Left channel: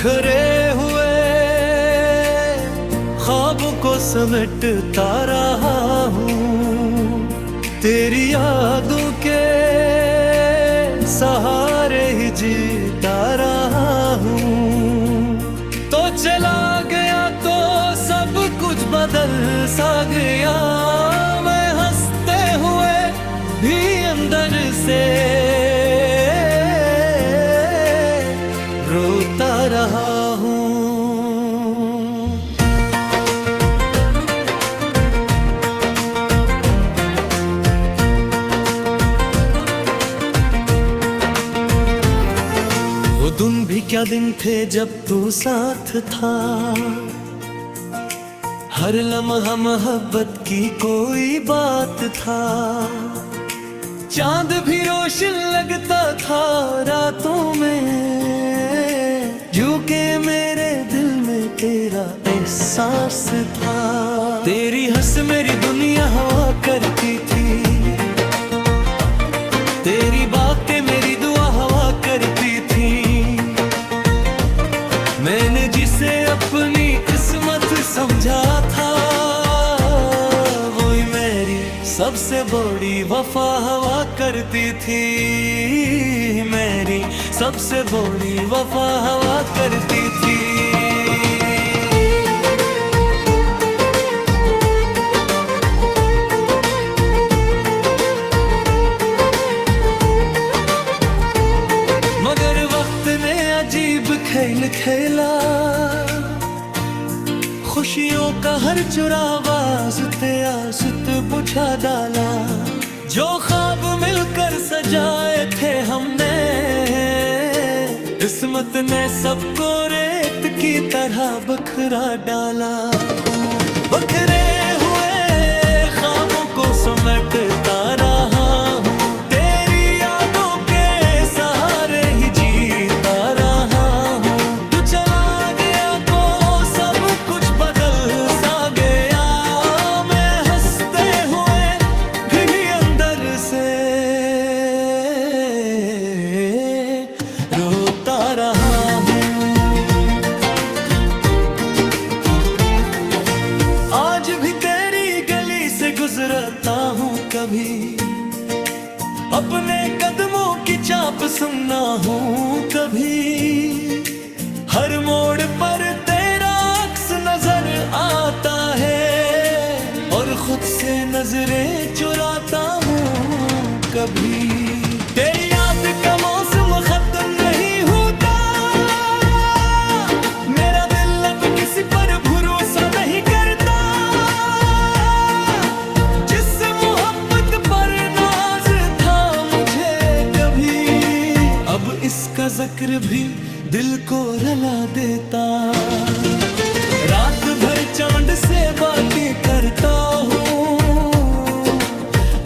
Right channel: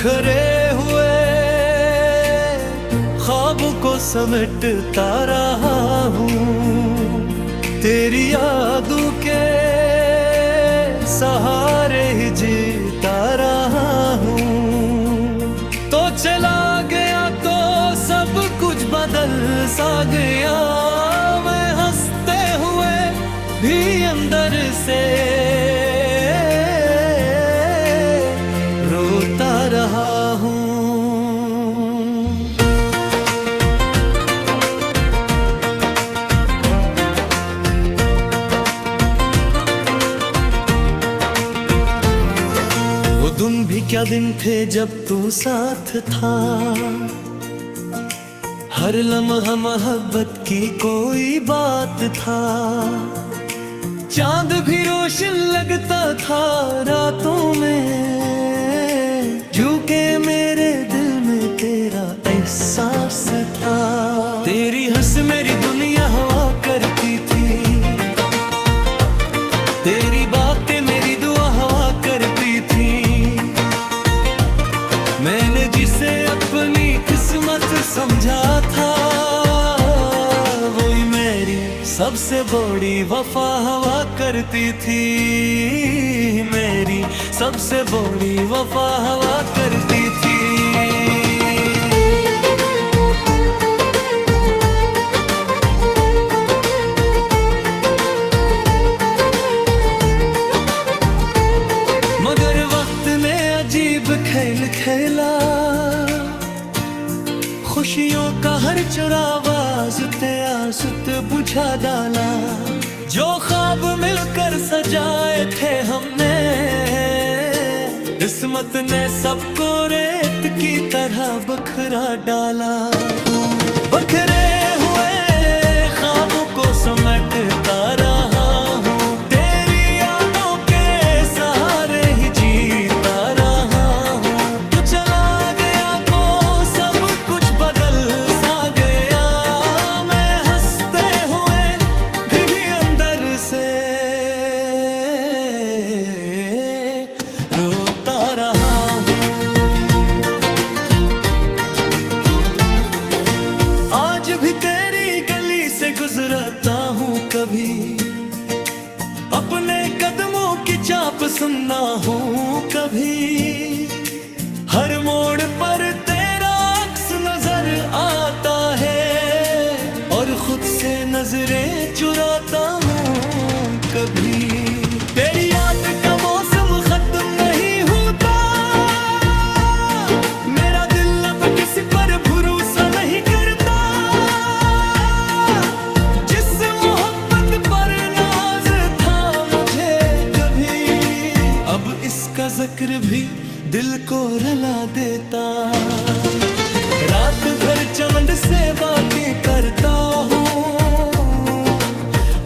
बिखरे हुए ख्वाबों को समेटता रहा हूँ, तेरी यादों के सहारे ही जीता रहा हूँ। तो चला गया तो सब कुछ बदल सा गया, मैं हंसते हुए भी अंदर से रोता रहा हूँ। वो दिन भी क्या दिन थे जब तू साथ था, हर लम्हा मोहब्बत की कोई बात था। चांद भी रोशन लगता था रातों में, झुके मेरे दिल में तेरा एहसास था। तेरी हंस मेरी दुनिया हवा करती थी, तेरी बातें मेरी दुआ हवा करती थी। मैंने जिसे अपनी किस्मत समझा था, वही मेरी सबसे बड़ी वफा हवा करती थी। मेरी सबसे बड़ी वफा हवा करती थी। मगर वक्त ने अजीब खेल खेला, खुशियों का हर चुरावा आसत बुझा डाला। जो ख्वाब मिलकर सजाए थे हमने, किस्मत ने सबको रेत की तरह बखरा डाला। बखरे हुए ख्वाबों को समेटता रहा हूँ, तेरी यादों के सहारे ही जीता रहा हूँ। तू चला गया तो सब कुछ बदल सा गया, मैं हंसते हुए भी अंदर से रोता रहा हूँ। आज भी तेरी गली से गुजरता हूँ कभी, अपने कदमों की चाप सुनना हूँ कभी। हर मोड़ पर तेरा अक्स नजर आता है, और खुद से नजरें चुराता हूँ कभी। तेरी याद का मौसम खत्म नहीं होता, मेरा दिल अब किसी पर भरोसा नहीं करता। जिस मोहब्बत पर नाज था मुझे कभी, अब इसका जिक्र भी दिल को रुला देता। रात भर चांद से बातें करता हूँ,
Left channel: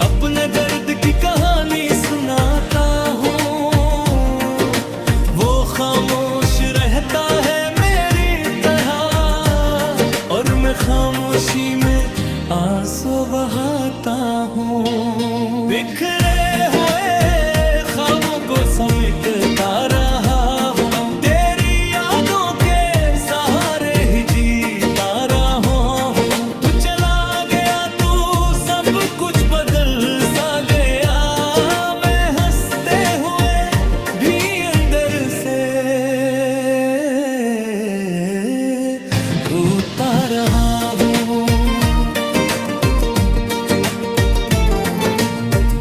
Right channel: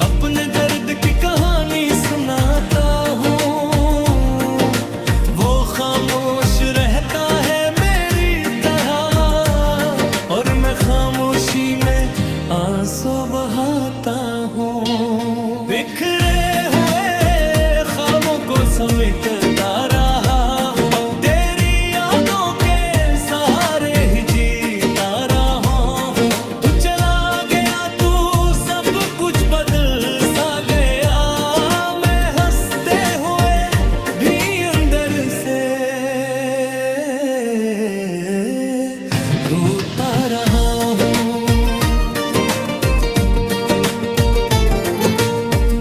अपने दर्द की कहानी सुनाता हूँ। वो खामोश रहता है मेरी तरह, और मैं खामोशी में आंसू बहाता हूँ। बिखरे हुए ख्वाबों को समेटता रहा हूँ, तेरी यादों के सहारे ही जीता रहा हूँ। तू चला गया तो सब कुछ बदल सा गया, मैं हंसते हुए भी अंदर से रोता रहा हूँ।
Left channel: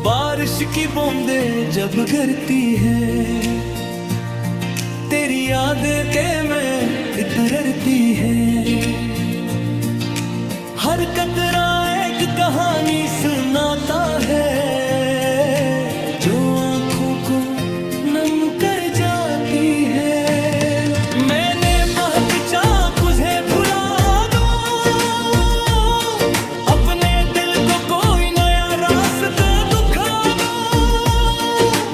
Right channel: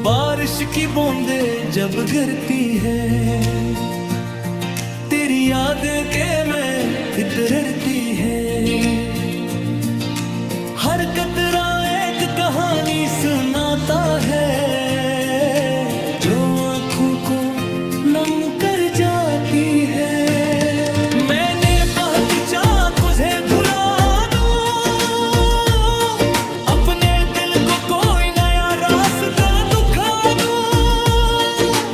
बारिश की बूंदें जब गिरती हैं, तेरी यादें के में इतरती हैं। हर कतरा एक कहानी सुनाता है, जो आंखों को नम कर जाती है। मैंने बहुत चाहा तुझे भुला दूं, अपने दिल को कोई नया रास्ता दिखा दूं,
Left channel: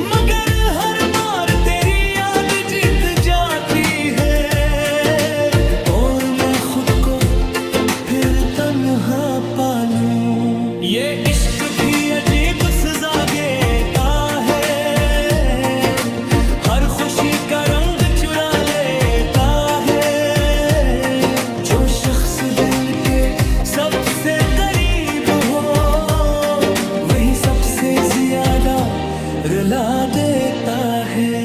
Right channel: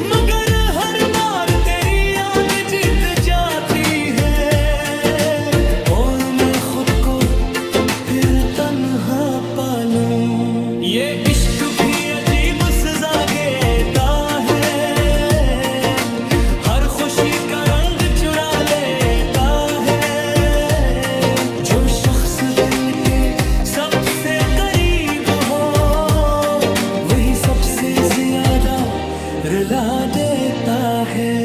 मगर हर बार तेरी याद जीत जाती है, और मैं खुद को फिर तन्हा पालूं। ये इश्क भी अजीब सजा देता है, हर खुशी का रंग चुरा लेता से ज्यादा रुला देता है।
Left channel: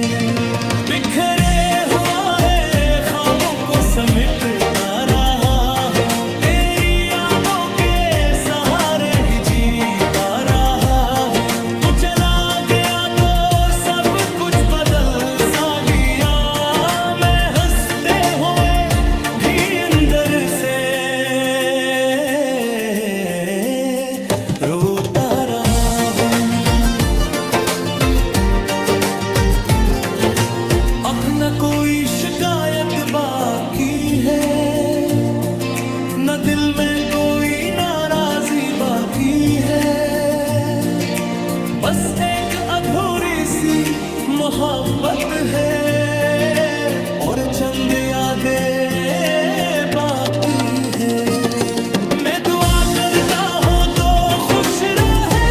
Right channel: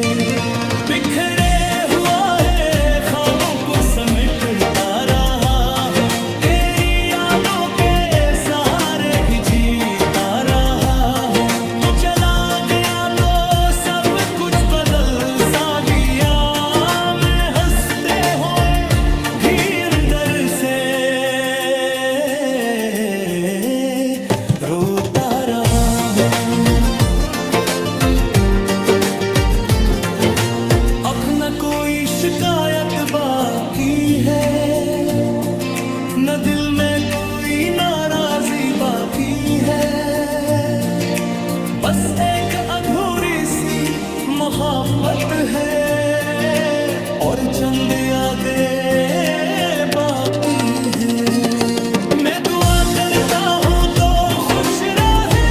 बिखरे हुआ है ख्वाबों को समेटता रहा हूँ, तेरी यादों के सहारे ही जीता रहा हूँ। तू चला गया तो सब कुछ बदल सा गया, मैं हंसते हुए भी अंदर से रोता रहा हूँ। अब न कोई शिकायत बाकी है, न दिल में कोई नाराजी बाकी है। बस एक अधूरी सी मोहब्बत है और चंद यादें बाकी है। मैं दुआ करता हूँ तो खुश रहे,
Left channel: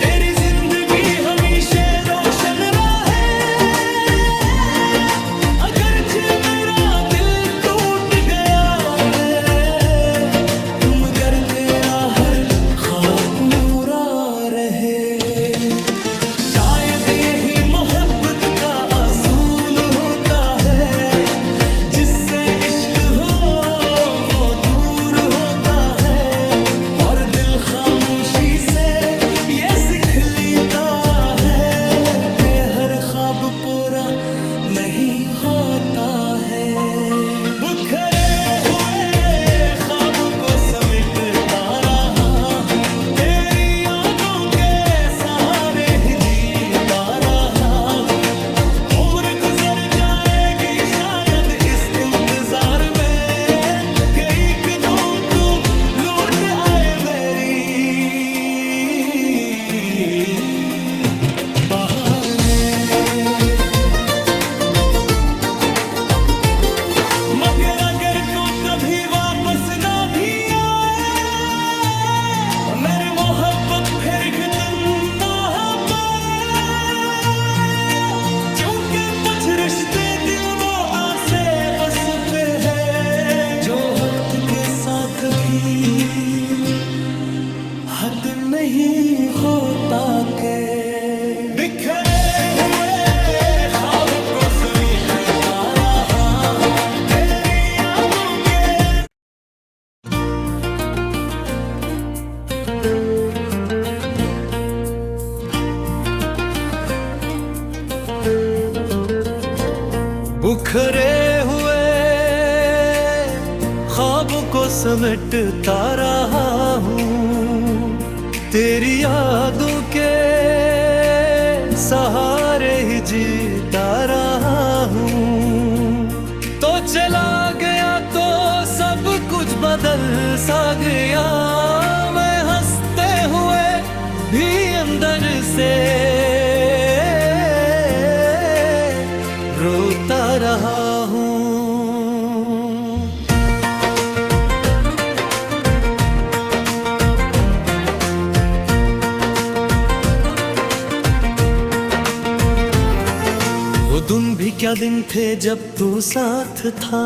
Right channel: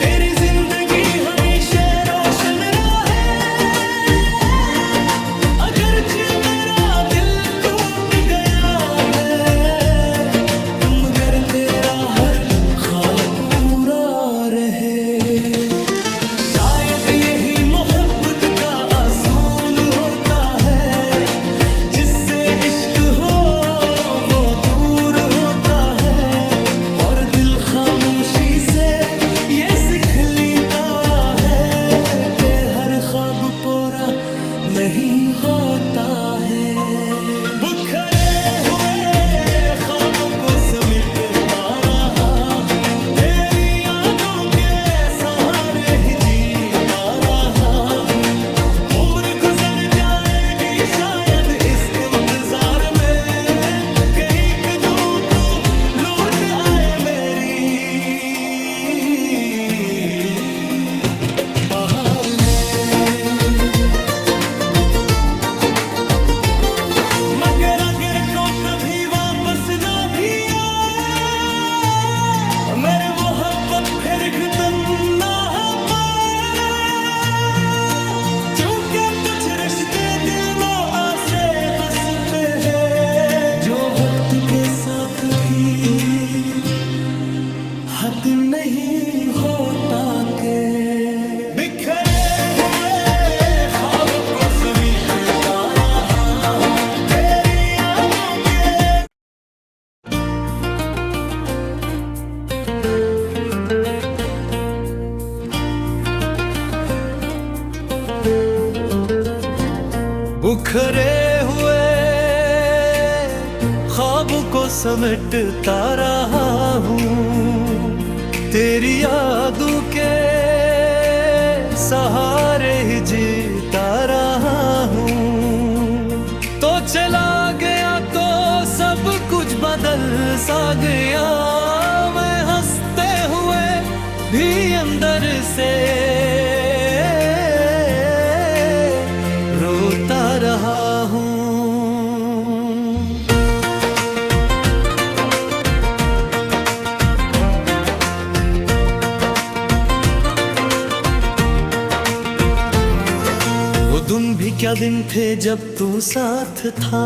तेरी जिंदगी हमेशा रोशन रहे। अगरचे मेरा दिल टूट गया है, मगर तेरा हर ख्वाब पूरा रहे। शायद यही मोहब्बत का असूल होता है, जिससे इश्क हो वो दूर होता है। और दिल खामोशी से ये सीख लेता है कि हर ख्वाब पूरा नहीं होता है। बिखरे हुए ख्वाबों को समेटता रहा हूँ, तेरी यादों के सहारे ही जीता रहा हूँ। उम्र गुजर जाएगी शायद इस इंतजार में, कि एक दो तू लौट आए मेरी बाहर में। मगर अगर को कभी वापस ना भी आए, मेरी मोहब्बत फिर खत्म ना हो पाए। क्योंकि कुछ रिश्ते दिल में आसे बस पे है, जो वक्त के साथ भी हद नहीं होता के। बिखरे हुए ख्वाबों को समेटता रहा हूँ, तेरी यादों के। बिखरे हुए ख्वाबों को समेटता रहा हूँ, तेरी यादों के सहारे ही जीता रहा हूँ। तो चला गया तो सब कुछ बदल सा गया, मैं हंसते हुए भी अंदर से रोता रहा हूँ। वो दिन भी क्या दिन थे जब तू साथ था,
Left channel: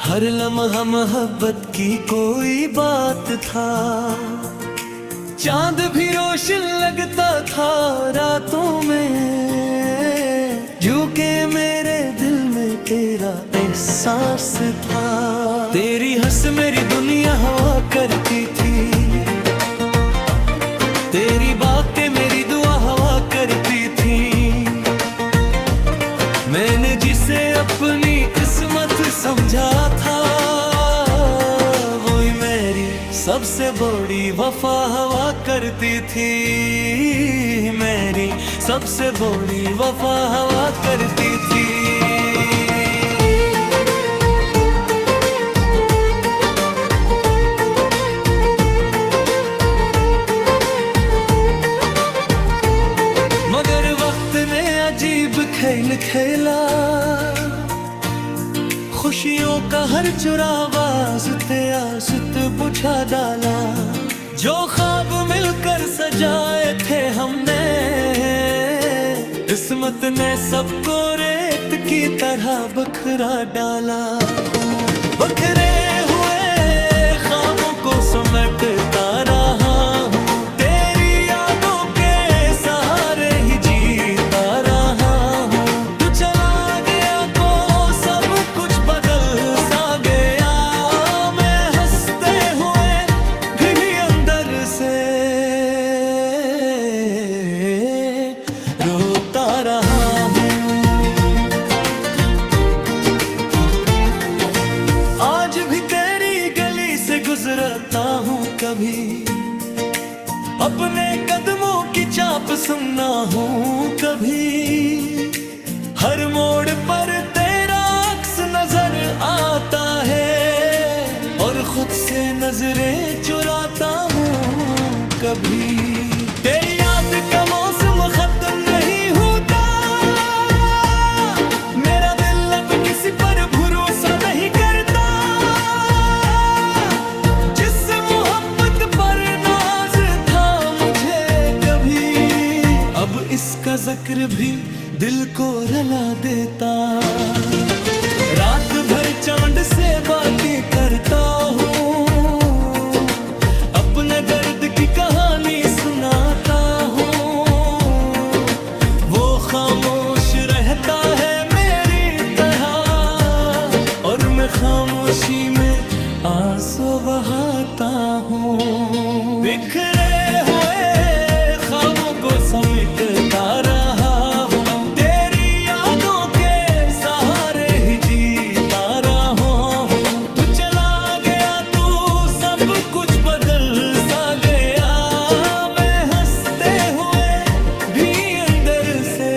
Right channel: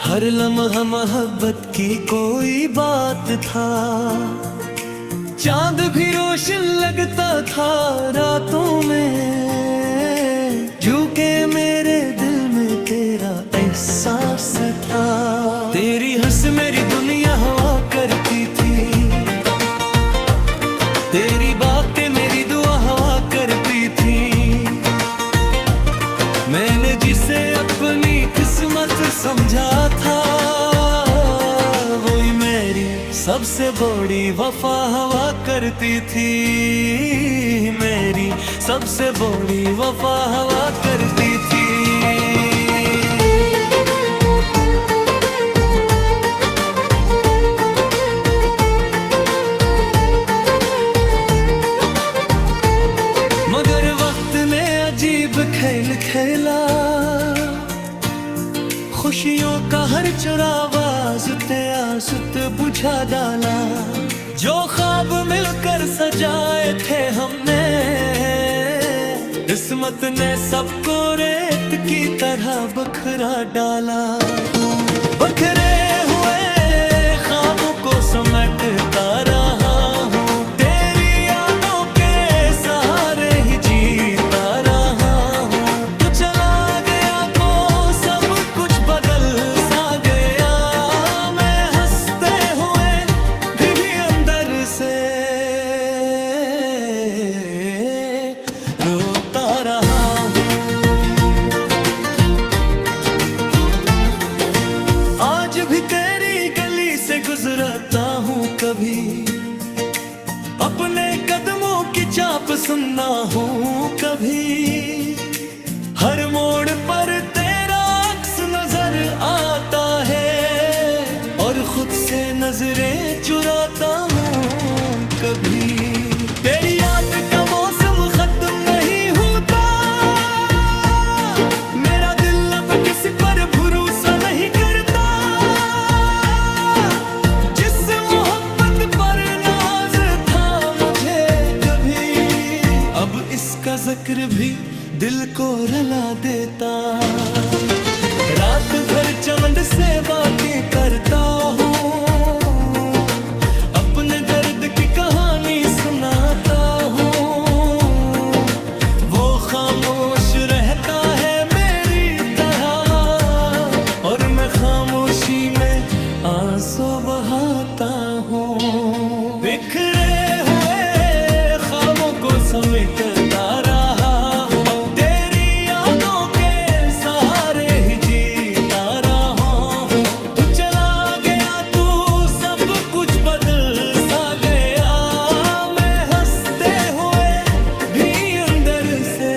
हर लम्हा मोहब्बत की कोई बात था। चांद भी रोशन लगता था रातों में, झुके मेरे दिल में तेरा एहसास था। तेरी हंस मेरी दुनिया हवा करती थी, तेरी बातें मेरी दुआ हवा करती थी। मैंने जिसे अपनी किस्मत समझा था, वही मेरी सबसे बड़ी वफा हवा करती थी। मेरी सबसे बड़ी वफा हवा करती थी। मगर वक्त ने अजीब खेल खेला, खुशियों का हर चुरावा आज़ते आज़ते बुझा डाला। जो ख्वाब मिलकर सजाए थे हमने, किस्मत ने सबको रेत की तरह बखरा डाला। बखरे हुए ख्वाबों को समेटता रहा हूँ, तेरी यादों के सहारे ही जीता रहा हूँ। तू चला गया तो सब कुछ बदल सा गया, मैं हंसते हुए भी अंदर से रोता रहा हूँ। आज भी तेरी गली से गुजरता हूँ कभी, अपने कदमों की चाप सुनना हूँ कभी। हर मोड़ पर तेरा अक्स नजर आता है, और खुद से नजरें चुराता हूँ कभी। तेरी याद का मौसम खत्म नहीं होता, मेरा दिल अब किसी पर भरोसा नहीं करता। जिस मोहब्बत पर नाज था मुझे कभी, अब इसका जिक्र भी दिल को रुला देता। रात भर चमन से बातें करता हूँ, अपने दर्द की कहानी सुनाता हूँ। वो खामोश रहता है मेरी तरह, और मैं खामोशी में आंसू बहाता हूँ। बिखरे हुए ख्वाबों को समेटता रहा हूँ, तेरी यादों के सहारे ही जीता रहा हूँ। तू चला गया तो सब कुछ बदल सा गया, मैं हंसते हुए भी अंदर से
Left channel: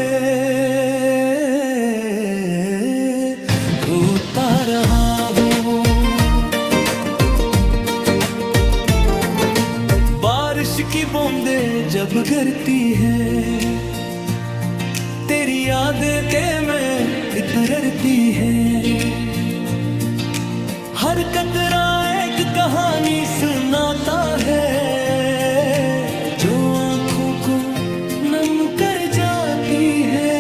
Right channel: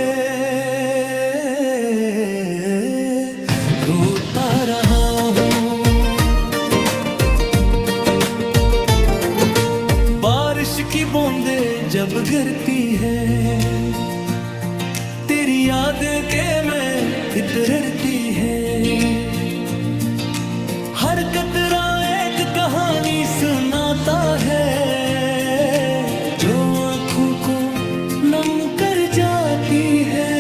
रोता रहा हूँ। बारिश की बूंदें जब गिरती है, तेरी यादें के में इतरती है। हर कतरा एक कहानी सुनाता है, जो आंखों को नम कर जाती है।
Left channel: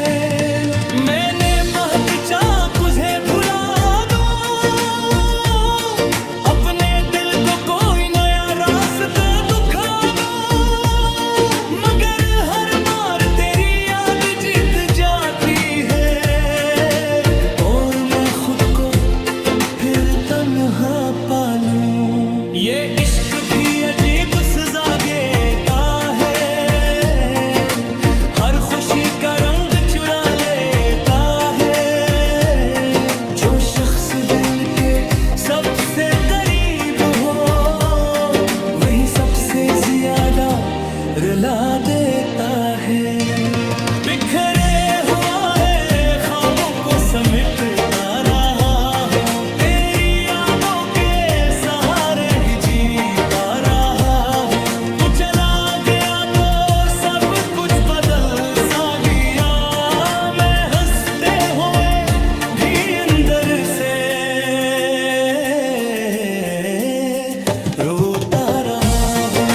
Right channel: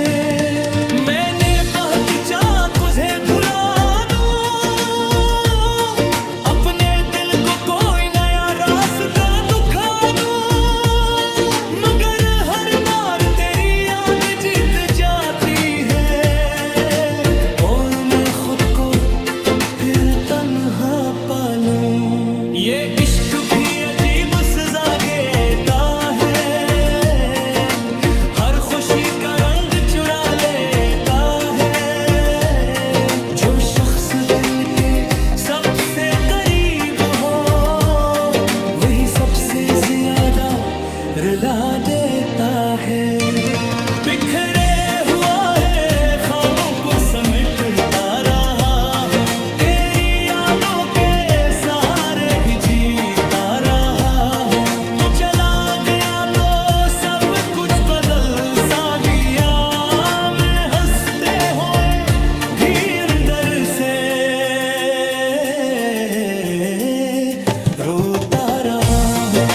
मैंने बहुत चाहा तुझे भुला दूं, अपने दिल को कोई नया रास्ता दिखा दूं, मगर हर बार तेरी याद जीत जाती है, और मैं खुद को फिर तन्हा पालूं। ये इश्क भी अजीब सजा देता है, हर खुशी का रंग चुरा लेता है। जो शख्स दिल के सबसे करीब हो, वही सबसे ज्यादा रुला देता है। बिखरे हुआ है ख्वाबों को समेटता रहा हूँ, तेरी यादों के सहारे ही जीता रहा हूँ। तू चला गया तो सब कुछ बदल सा गया, मैं हंसते हुए भी अंदर से रोता रहा हूँ।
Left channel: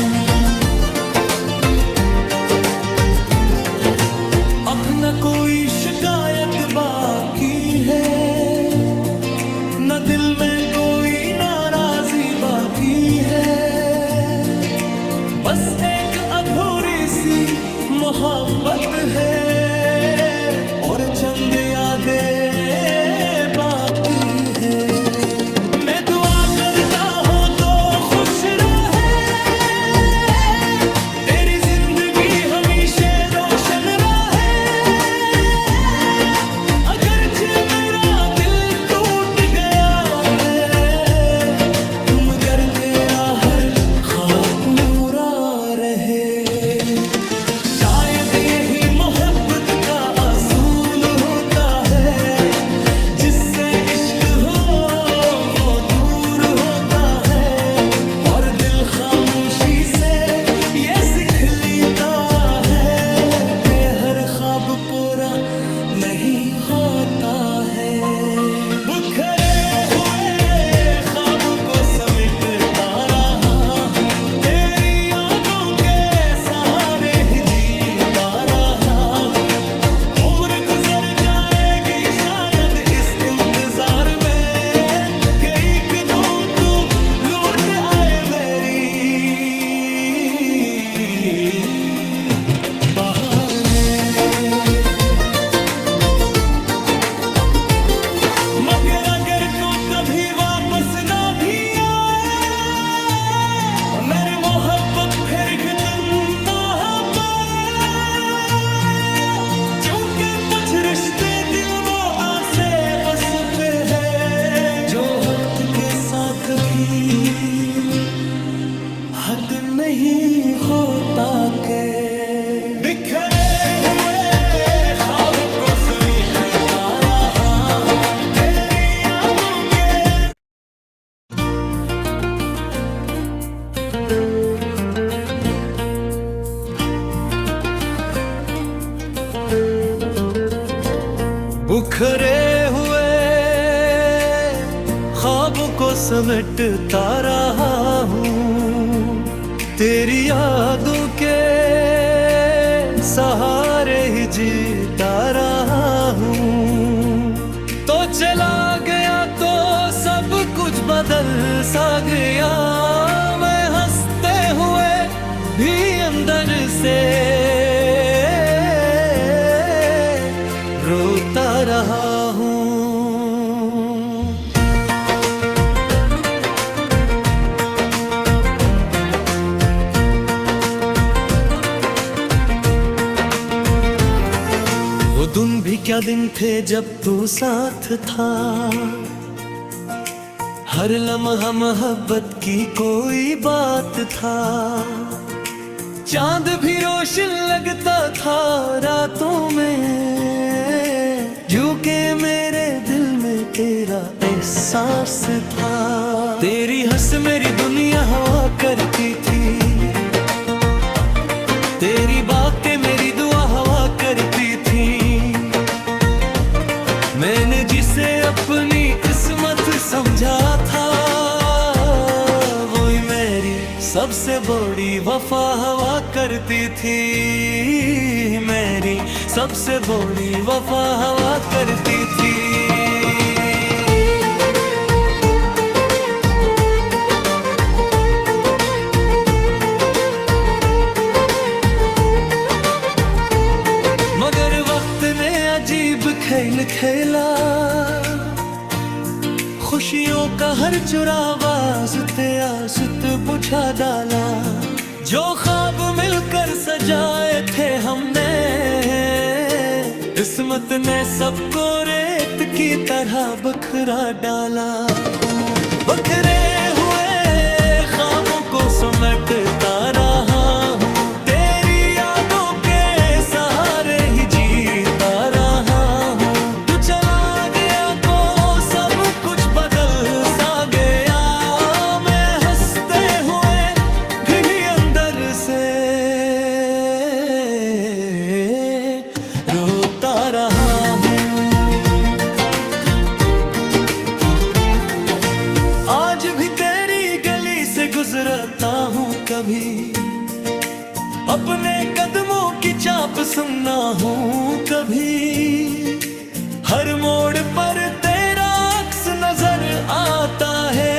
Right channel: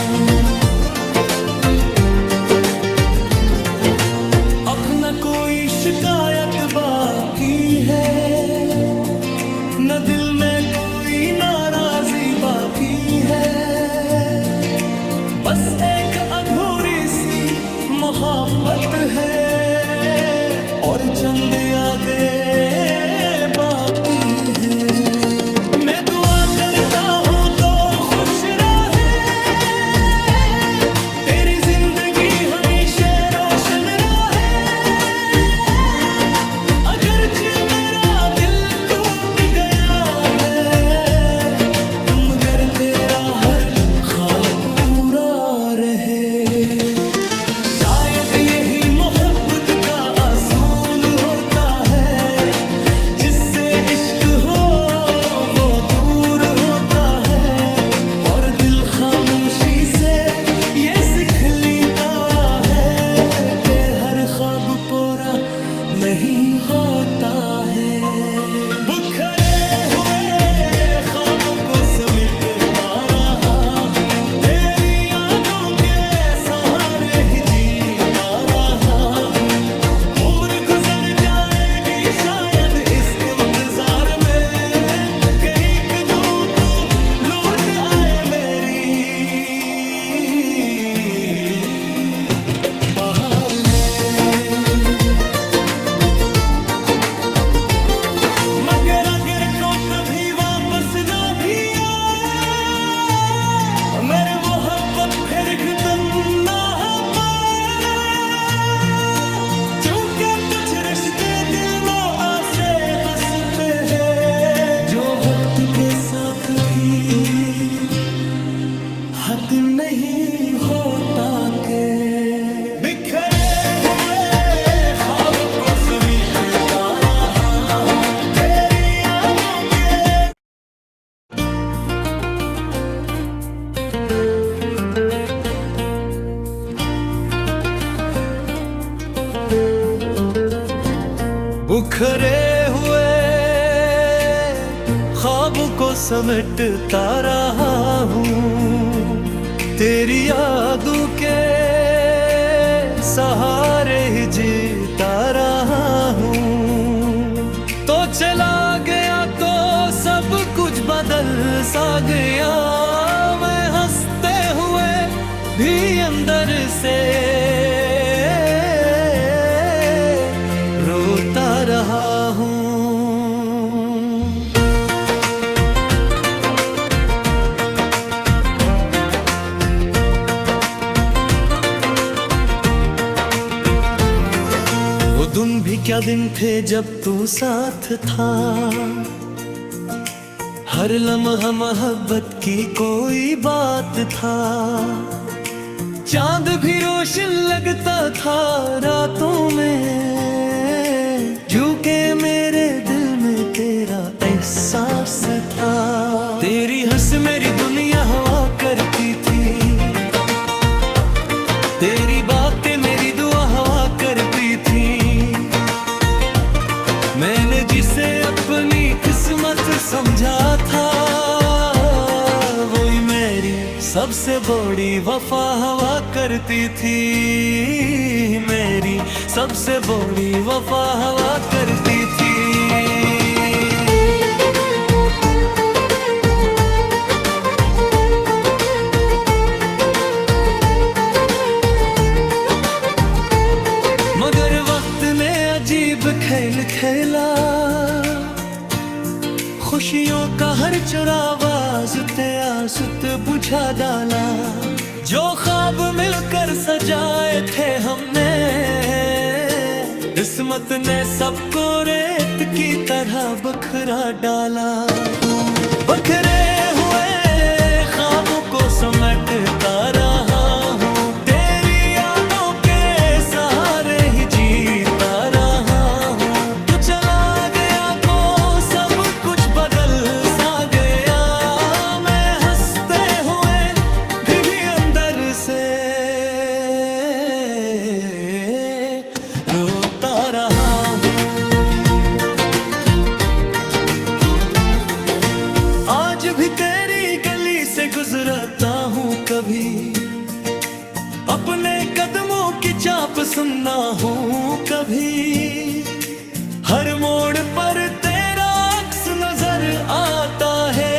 अब न कोई शिकायत बाकी है, न दिल में कोई नाराजी बाकी है। बस एक अधूरी सी मोहब्बत है, और चंद यादें बाकी है। मैं दुआ करता हूँ तो खुश रहे, तेरी जिंदगी हमेशा रोशन रहे। अगरचे मेरा दिल टूट गया है, मगर तेरा हर ख्वाब पूरा रहे। शायद यही मोहब्बत का असूल होता है, जिससे इश्क हो वो दूर होता है, और दिल खामोशी से ये सीख लेता है कि हर ख्वाब पूरा नहीं होता है। बिखरे हुए ख्वाबों को समेटता रहा हूँ, तेरी यादों के सहारे ही जीता रहा हूँ। उम्र गुजर जाएगी शायद इस इंतजार में, कि एक दो तू लौट आए मेरी फिर खतना क्योंकि कुछ रिश्ते दिल में आसे बस पे है जो वक्त के साथ भी हद नहीं होता के। बिखरे हुए ख्वाबों को समेटता रहा हूं तेरी यादों के। बिखरे हुए ख्वाबों को समेटता रहा हूँ तेरी यादों के सहारे ही जीता रहा हूँ। तो चला गया तो सब कुछ बदल सा गया, मैं हंसते हुए भी अंदर से रोता रहा हूँ। वो दिन भी क्या दिन थे जब तू साथ था, हर लम्हा मोहब्बत की कोई बात था। चांद भी रोशन लगता था रातों में, झुके मेरे दिल में तेरा एहसास था। तेरी हंस मेरी दुनिया हवा करती थी, तेरी बातें मेरी दुआ हवा करती थी। मैंने जिसे अपनी किस्मत समझा था, वही मेरी सबसे बड़ी वफा हवा करती थी। मेरी सबसे बड़ी वफा हवा करती थी। मगर वक्त ने अजीब खेल खेला, खुशियों का हर चुरावा आसत बुझा डाला। जो ख्वाब मिलकर सजाए थे हमने, किस्मत ने सबको रेत की तरह बखरा डाला। बखरे हुए ख्वाबों को समेटता रहा हूँ तेरी यादों के सहारे ही जीता रहा हूँ। तू चला गया तो सब कुछ बदल सा गया, मैं हंसते हुए भी अंदर से रोता रहा हूँ। आज भी तेरी गली से गुजरता हूँ कभी, अपने कदमों की चाप सुनना हूँ कभी। हर मोड़ पर तेरा अक्स नजर आता है,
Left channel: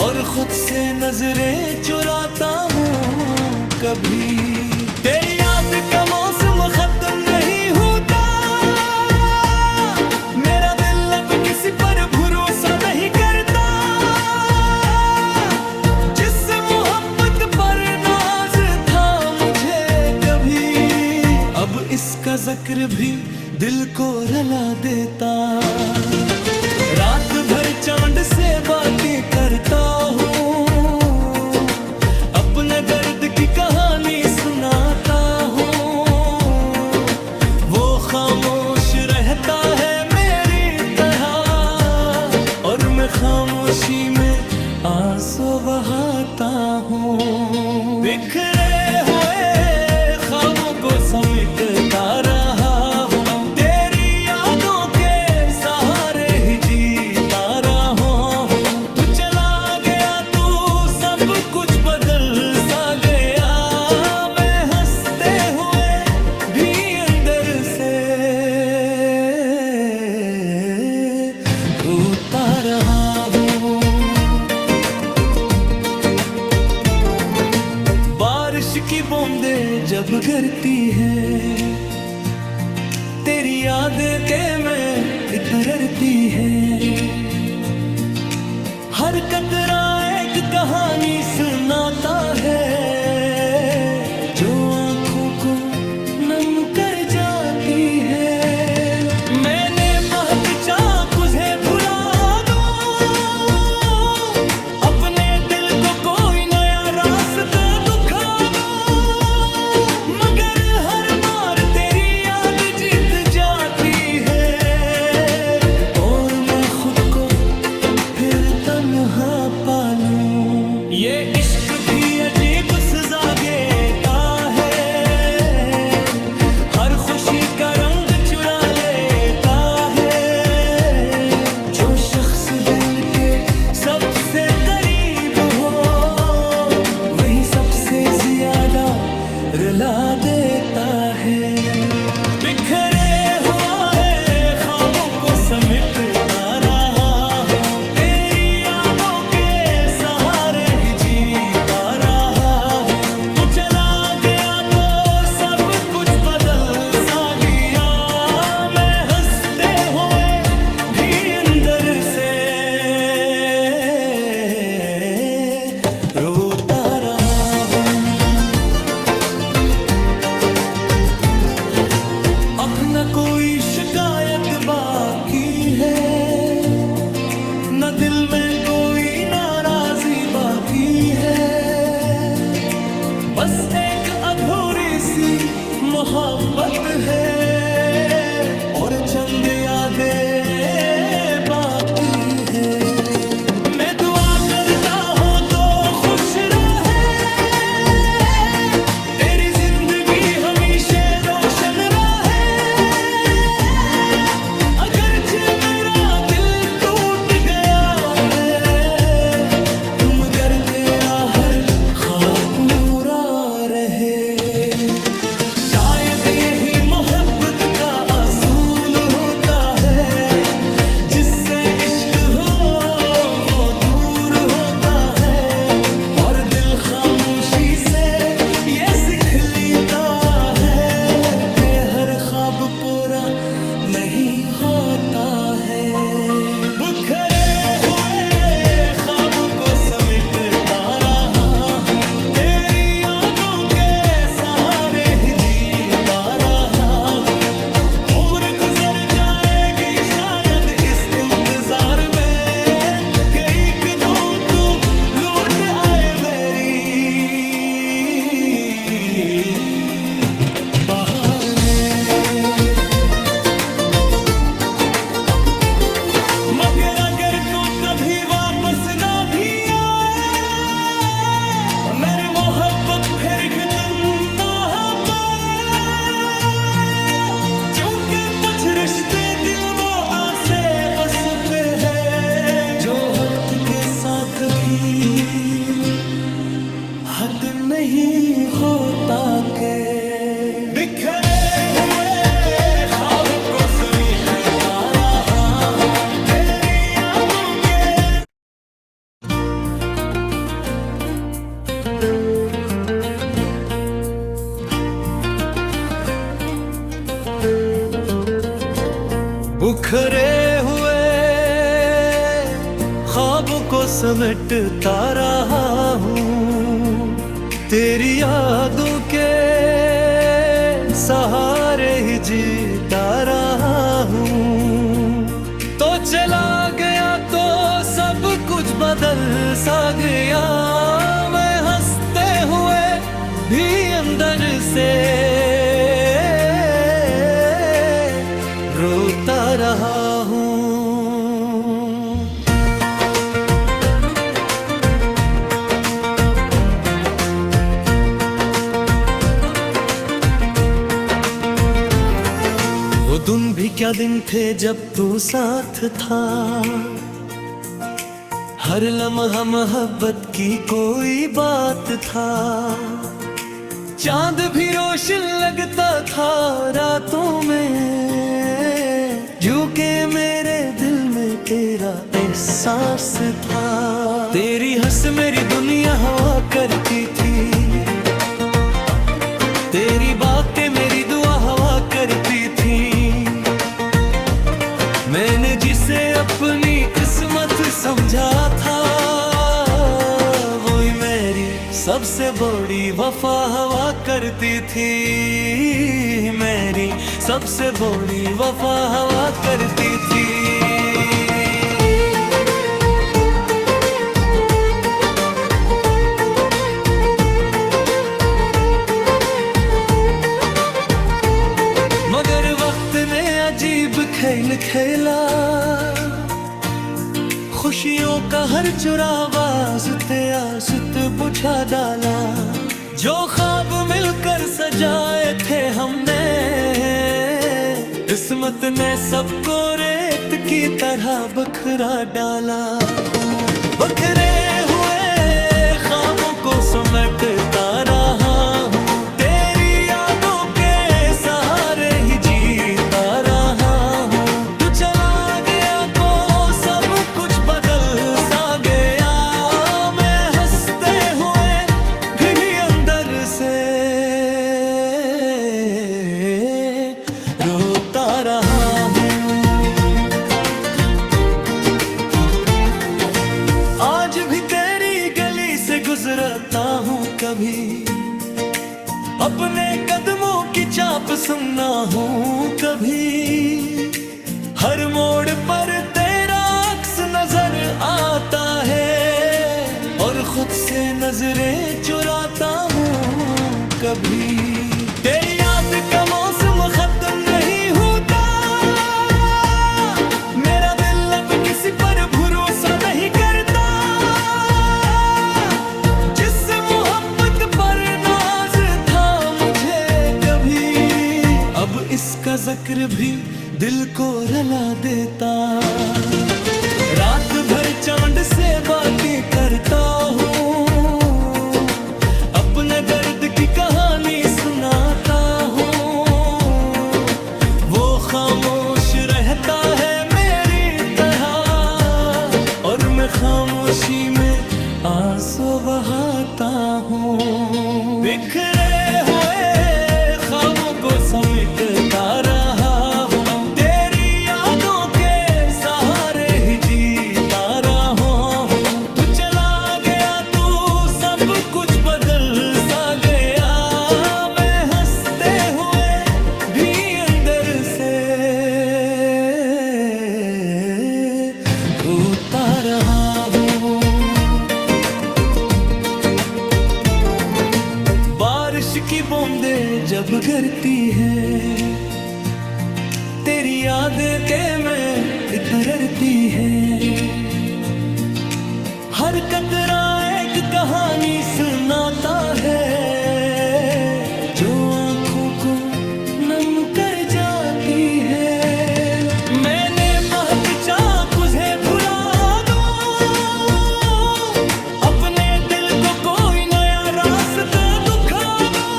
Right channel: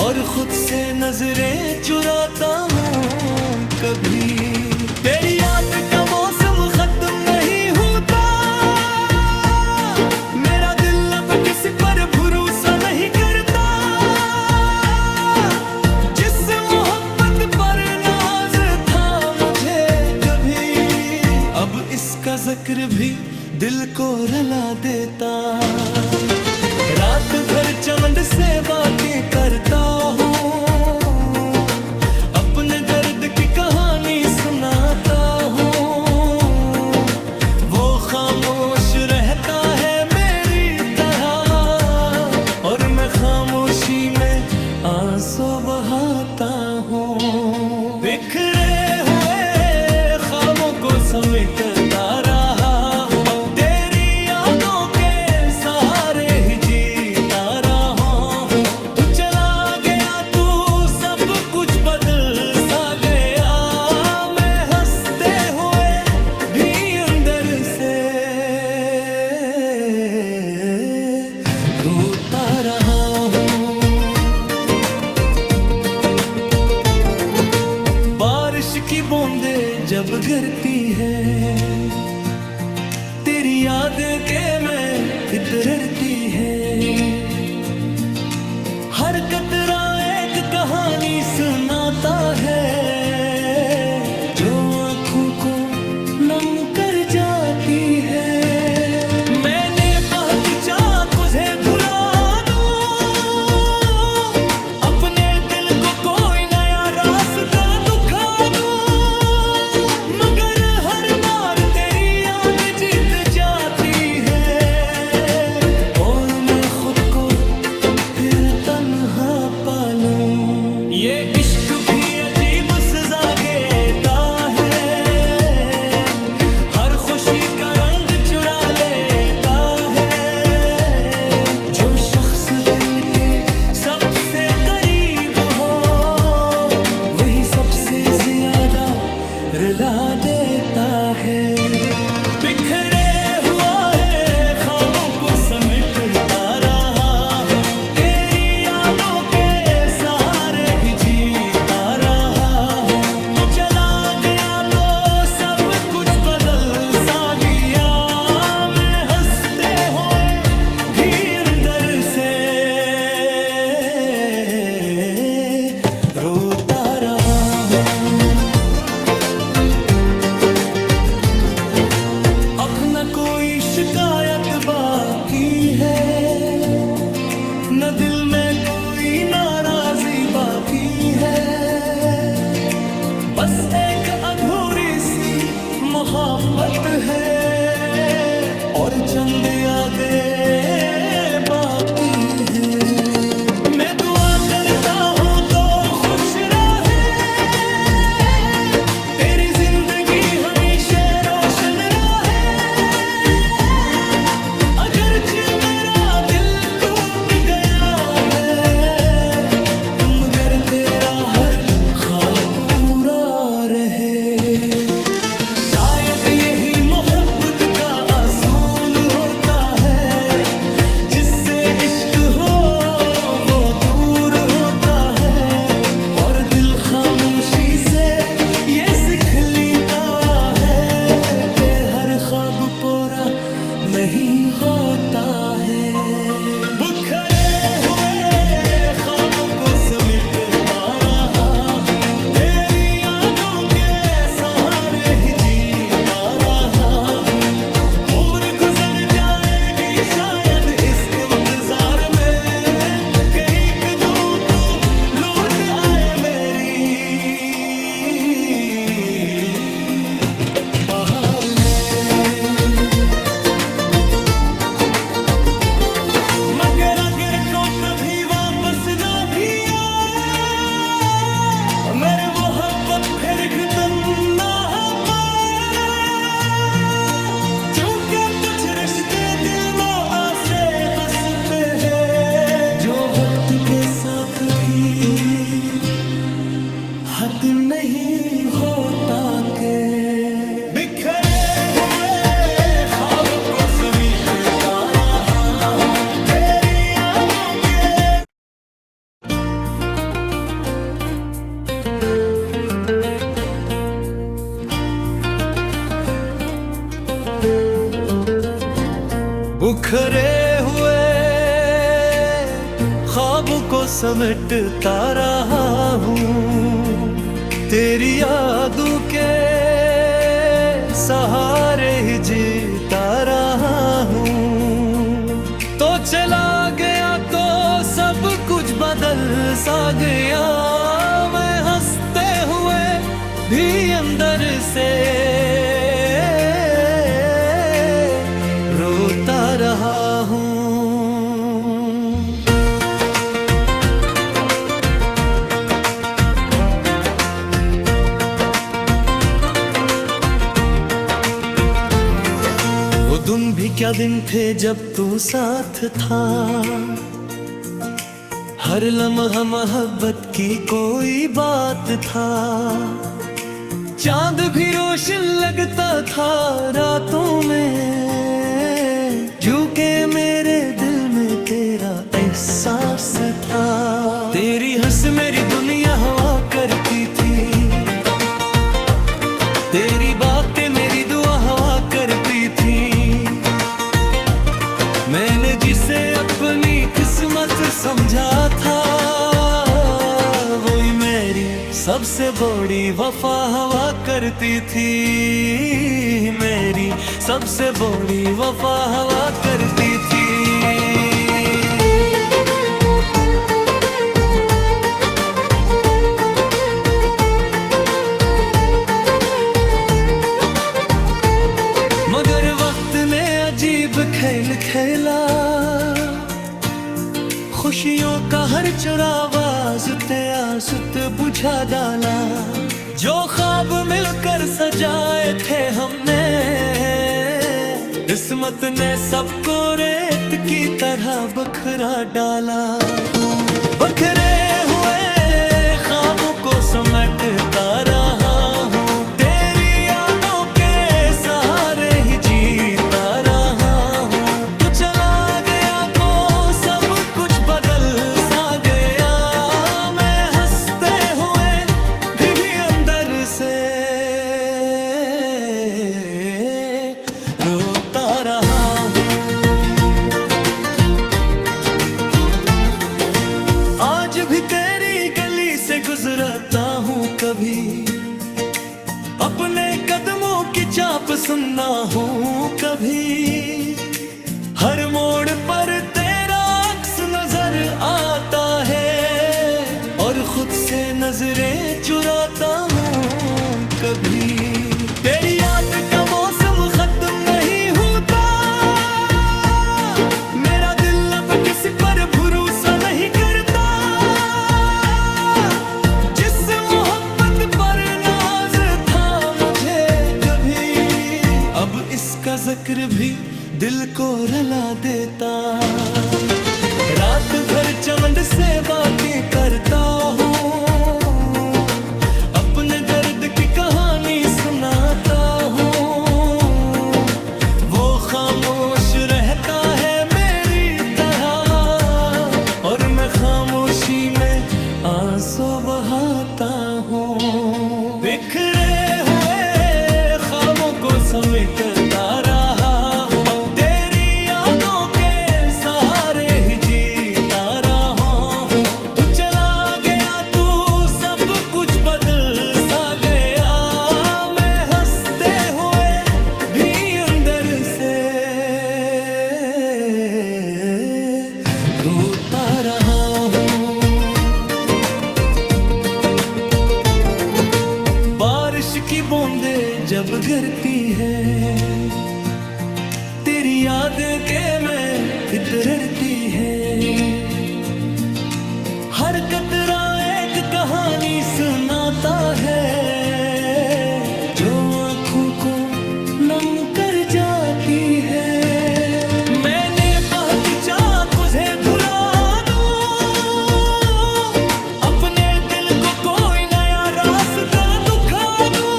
और खुद से नजरें चुराता हूँ कभी। तेरी याद का मौसम खत्म नहीं होता, मेरा दिल अब किसी पर भरोसा नहीं करता। जिस मोहब्बत पर नाज था मुझे कभी, अब इसका जिक्र भी दिल को रुला देता। रात भर चमन से बातें करता हूँ, अपने दर्द की कहानी सुनाता हूँ। वो खामोश रहता है मेरी तरह, और मैं खामोशी में आंसू बहाता हूँ। बिखरे हुए ख्वाबों को समेटता रहा हूँ तेरी यादों के सहारे ही जीता रहा हूँ। तू चला गया तो सब कुछ बदल सा गया, मैं हंसते हुए भी अंदर से रोता रहा हूँ। बारिश की बूंदें जब गिरती है, तेरी यादें के में इतरती है। हर कतरा एक कहानी सुनाता है जो आंखों को नम कर जाती है। मैंने बहुत चाहा तुझे भुला दूं, अपने दिल को कोई नया रास्ता दिखा दूं, मगर हर बार तेरी याद जीत जाती है और मैं खुद को फिर तन्हा पालूं। ये इश्क भी अजीब सजा देता है, हर खुशी का रंग चुरा लेता है। जो शख्स दिल के सबसे करीब हो वही सबसे ज्यादा रुला देता है। बिखरे हुआ है ख्वाबों को समेटता रहा हूँ, तेरी यादों के सहारे ही जीता रहा हूँ। तू चला गया तो सब कुछ बदल सा गया, मैं हंसते हुए भी अंदर से रोता रहा हूँ। अब न कोई शिकायत बाकी है, न दिल में कोई नाराजी बाकी है। बस एक अधूरी सी मोहब्बत है और चंद यादें बाकी है। मैं दुआ करता हूँ तो खुश रहे, तेरी जिंदगी हमेशा रोशन रहे। अगरचे मेरा दिल टूट गया है, मगर तेरा हर ख्वाब पूरा रहे। शायद यही मोहब्बत का असूल होता है, जिससे इश्क हो वो दूर होता है और दिल खामोशी से ये सीख लेता है कि हर ख्वाब पूरा नहीं होता है। बिखरे हुए ख्वाबों को समेटता रहा हूँ, तेरी यादों के सहारे ही जीता रहा हूँ। उम्र गुजर जाएगी शायद इस इंतजार में कि एक दो तू लौट आए मेरी बाहर में। मगर अगर को कभी वापस ना भी आए, मेरी मोहब्बत फिर खत्म ना हो पाए, क्योंकि कुछ रिश्ते दिल में आसे बस पे है जो वक्त के साथ भी हद नहीं होता के। बिखरे हुए ख्वाबों को समेटता रहा हूँ, तेरी यादों के। बिखरे हुए ख्वाबों को समेटता रहा हूँ, तेरी यादों के सहारे ही जीता रहा हूँ। तो चला गया तो सब कुछ बदल सा गया, मैं हंसते हुए भी अंदर से रोता रहा हूँ। वो दिन भी क्या दिन थे जब तू साथ था, हर लम्हा मोहब्बत की कोई बात था। चांद भी रोशन लगता था रातों में, झुके मेरे दिल में तेरा एहसास था। तेरी हंस मेरी दुनिया हवा करती थी, तेरी बातें मेरी दुआ हवा करती थी। मैंने जिसे अपनी किस्मत समझा था सबसे बड़ी वफा हवा करती थी मेरी, सबसे बड़ी वफा हवा करती थी। मगर वक्त ने अजीब खेल खेला, खुशियों का हर चुरावा आज़त बुझा डाला। जो ख्वाब मिलकर सजाए थे हमने, किस्मत ने सबको रेत की तरह बखरा डाला। बखरे हुए ख्वाबों को समेटता रहा हूँ, तेरी यादों के सहारे ही जीता रहा हूँ। तू चला गया तो सब कुछ बदल सा गया, मैं हंसते हुए भी अंदर से रोता रहा हूँ। आज भी तेरी गली से गुजरता हूँ कभी, अपने कदमों की चाप सुनना हूँ कभी। हर मोड़ पर तेरा अक्स नजर आता है, और खुद से नजरें चुराता हूँ कभी। तेरी याद का मौसम खत्म नहीं होता, मेरा दिल अब किसी पर भरोसा नहीं करता। जिस मोहब्बत पर नाज था मुझे कभी, अब इसका जिक्र भी दिल को रुला देता। रात भर चमन से बातें करता हूँ, अपने दर्द की कहानी सुनाता हूँ। वो खामोश रहता है मेरी तरह, और मैं खामोशी में आंसू बहाता हूँ। बिखरे हुए ख्वाबों को समेटता रहा हूँ, तेरी यादों के सहारे ही जीता रहा हूँ। तू चला गया तो सब कुछ बदल सा गया, मैं हंसते हुए भी अंदर से रोता रहा हूँ। बारिश की बूंदें जब गिरती है, तेरी यादें के में इतरती है। हर कतरा एक कहानी सुनाता है, जो आंखों को नम कर जाती है। मैंने बहुत चाहा तुझे भुला दूं, अपने दिल को कोई नया रास्ता दिखा दूं,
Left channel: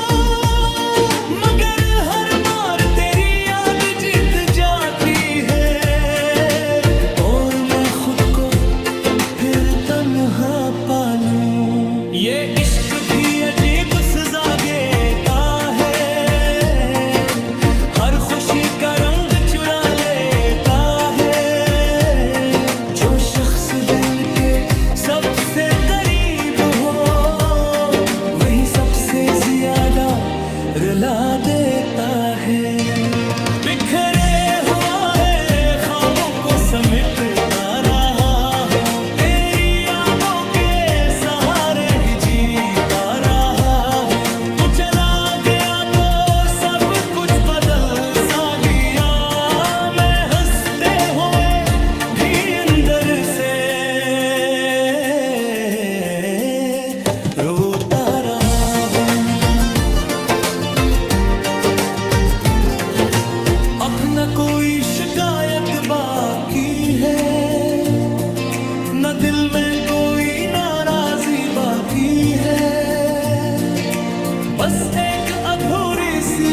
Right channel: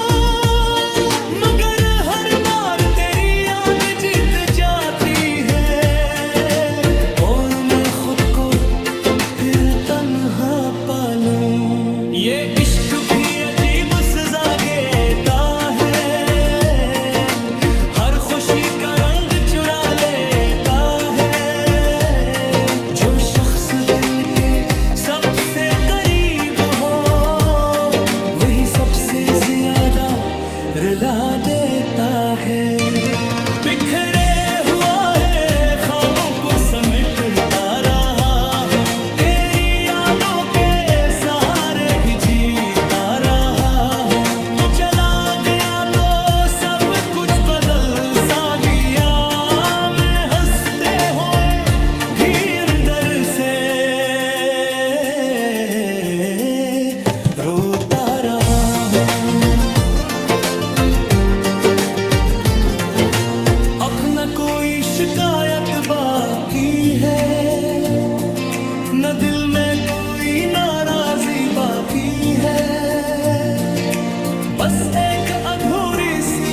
मगर हर बार तेरी याद जीत जाती है, और मैं खुद को फिर तन्हा पालूं। ये इश्क भी अजीब सजा देता है, हर खुशी का रंग चुरा लेता है। जो शख्स दिल के सबसे करीब हो, वही सबसे ज्यादा रुला देता है। बिखरे हुआ है ख्वाबों को समेटता रहा हूँ, तेरी यादों के सहारे ही जीता रहा हूँ। तू चला गया तो सब कुछ बदल सा गया, मैं हंसते हुए भी अंदर से रोता रहा हूँ। अब न कोई शिकायत बाकी है, न दिल में कोई नाराजी बाकी है। बस एक अधूरी सी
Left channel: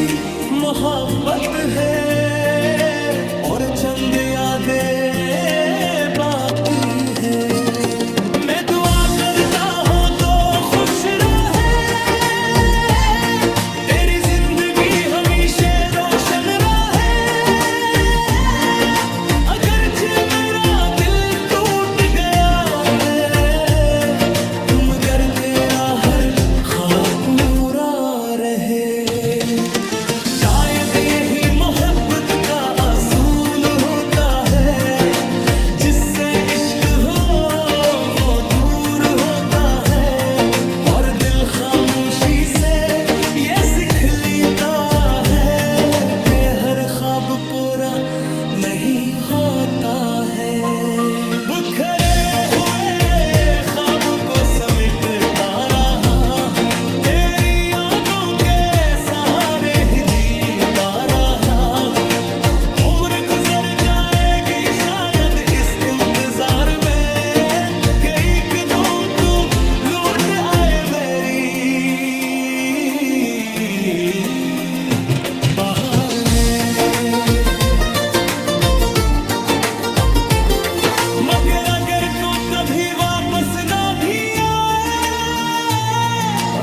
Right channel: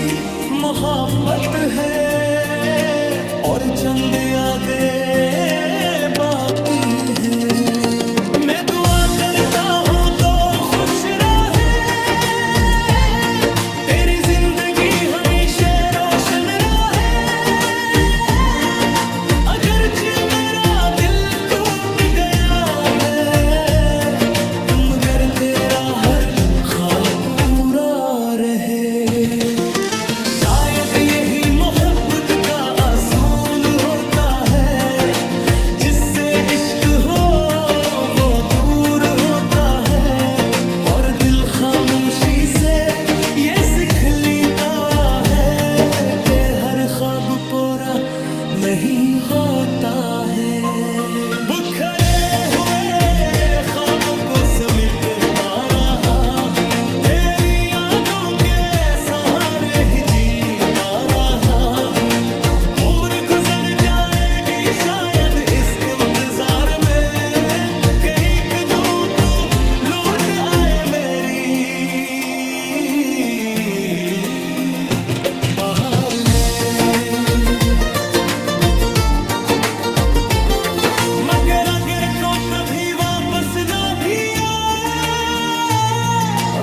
मोहब्बत है, और चंद यादें बाकी है। मैं दुआ करता हूँ तो खुश रहे, तेरी जिंदगी हमेशा रोशन रहे। अगरचे मेरा दिल टूट गया है, मगर तेरा हर पूरा रहे। शायद यही मोहब्बत का असूल होता है, जिससे इश्क हो वो दूर होता है, और दिल खामोशी से ये सीख लेता है कि हर ख्वाब पूरा नहीं होता है। बिखरे हुए ख्वाबों को समेटता रहा हूँ, तेरी यादों के सहारे ही जीता रहा हूँ। उम्र गुजर जाएगी शायद इस इंतजार में, कि एक दो तू लौट आए मेरी बाहर में। मगर अगर को कभी वापस ना भी आए,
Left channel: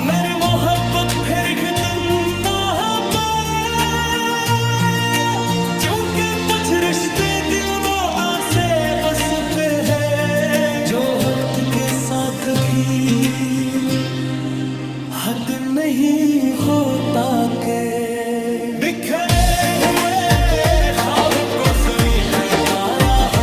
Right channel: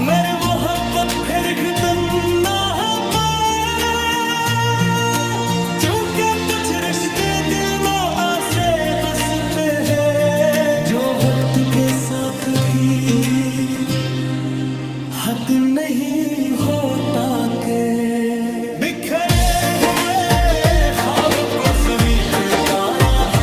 मेरी मोहब्बत फिर खत्म ना हो पाए, क्योंकि कुछ रिश्ते दिल में आसे बस पे है, जो वक्त के साथ भी हद नहीं होता के। बिखरे हुए ख्वाबों को समेटता रहा